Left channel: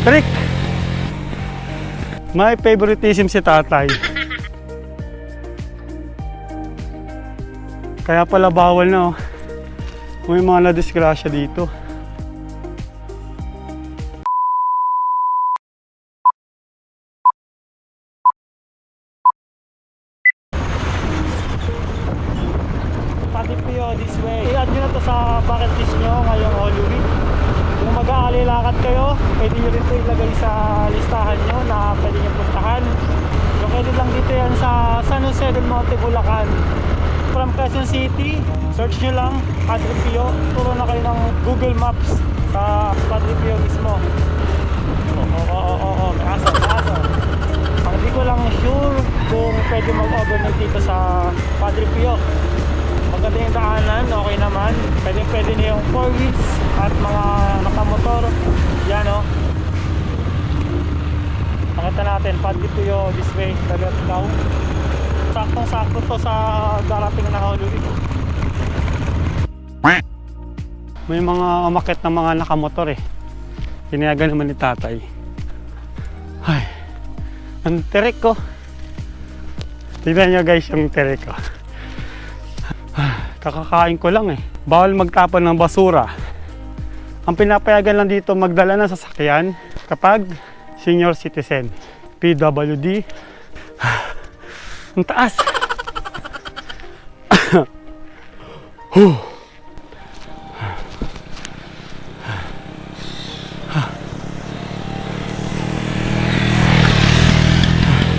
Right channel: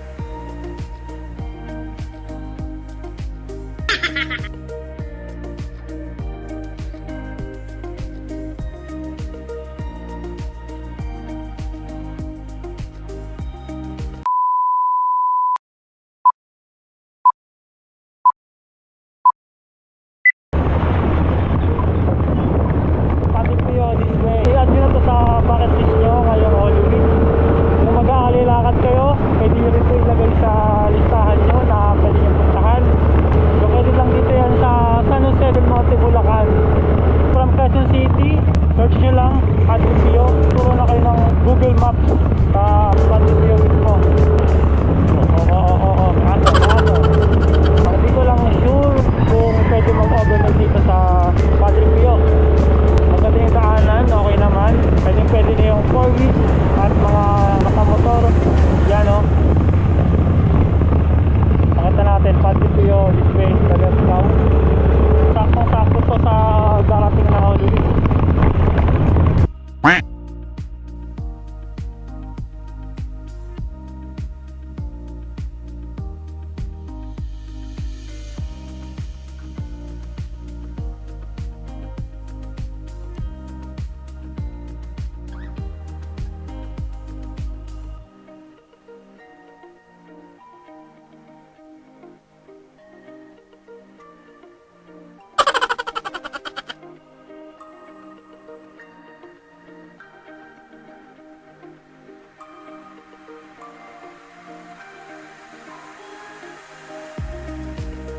Trick! May favoritism si tatay. Kaya pala bawal na oh. May mga nadisgrasya dito. Pati po yun, this way. I-add nyo na to sa bucket list nyo ngayong Holy Week. Kung mag-aalilakad kayo, pwede nyo rin ito ilagay sa listahan nyo na pwede nyo puntahan. Located lang dito yan sa San Jose del Monte, Bulacan. From Quezon City, search nyo lang Padre Pio. Turo na kayo ng Google Maps sa Padre Pio mismo. Oo. Kaso. Hindi ko lang sure kung pwede mag-overnight dito sa Padre Pio. Maganda yung daanan, okay naman. Pwede na yung 4 wheels at mga nakamotor. Yan o. Pakita natin, Padre Pio this way, Tagaligaw. Saktong-sakto to sa darating na Holy Week. May mga umakit ng mga nakamotor eh. Tinayagan naman ni tatay. Ay, ang tirik ko. Tignan nyo guys yung tirik ko. Kakakain ko lang eh. Bawal magtapon ng basura. Ang pinapayagan lang dito magdala ng sasakyan kapag senior citizen. PWD. Ang taas.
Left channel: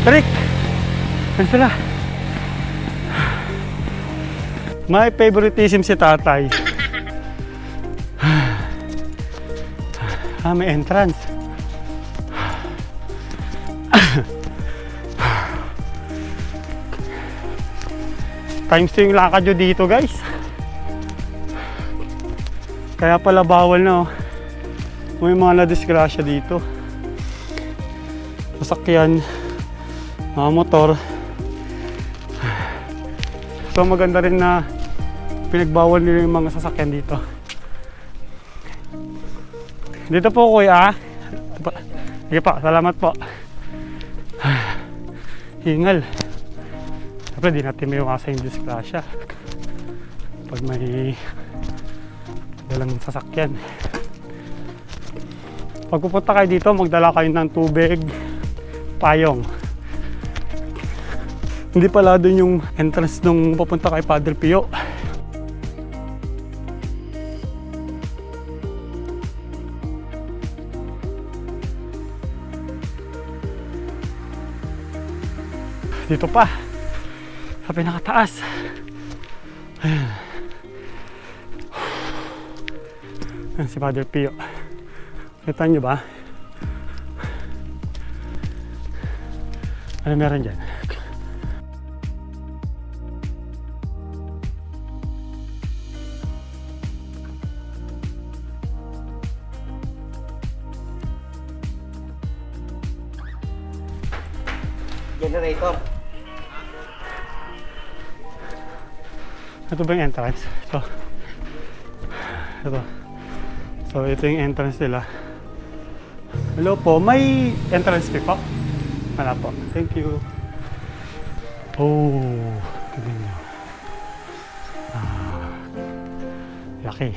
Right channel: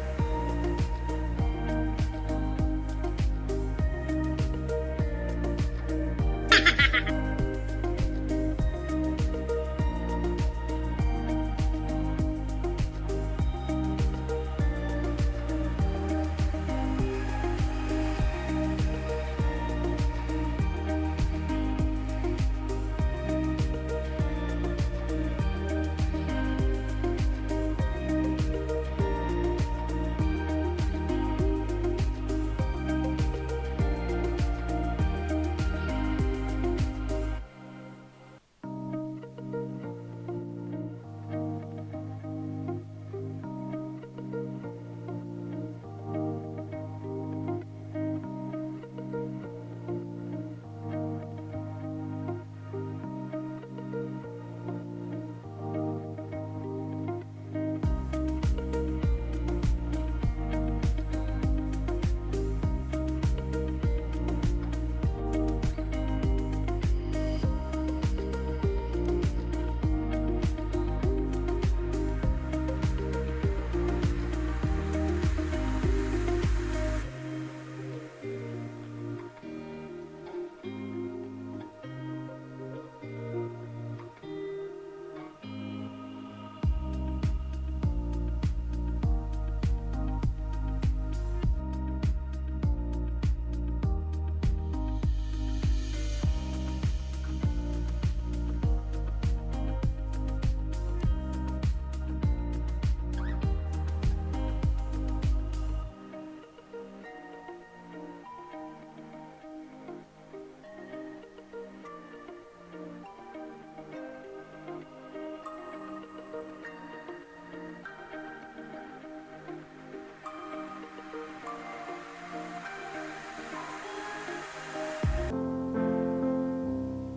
Tarik! Ano sila? May favoritism si tatay. May entrance. Times 2 yung lakad nyo dito guys. Kaya pala bawal na oh. May mga nadisgrasya dito. Sasakyan, mga motor. So maganda rin na pinagbawal nila yung mga sasakyan dito. Dito po kuya. Sige pa, salamat po. Hingal. Siyempre di natin may iwasa yung disgrasya pag may dalang sasakyan. Pag pupunta kayo dito, magdala kayo ng tubig, payong. Hindi pala doon yung entrance nung papunta kay Padre Pio. Dito pa sa pinakataas. Ayan. Ayan si Padre Pio. Kita nyo ba? Ano meron dyan? Generator. Ito ba yung entrance? Ito. So, ito yung entrance nila. Hello po, may entrance fee po? Wala po. Thank you. Oh, laki.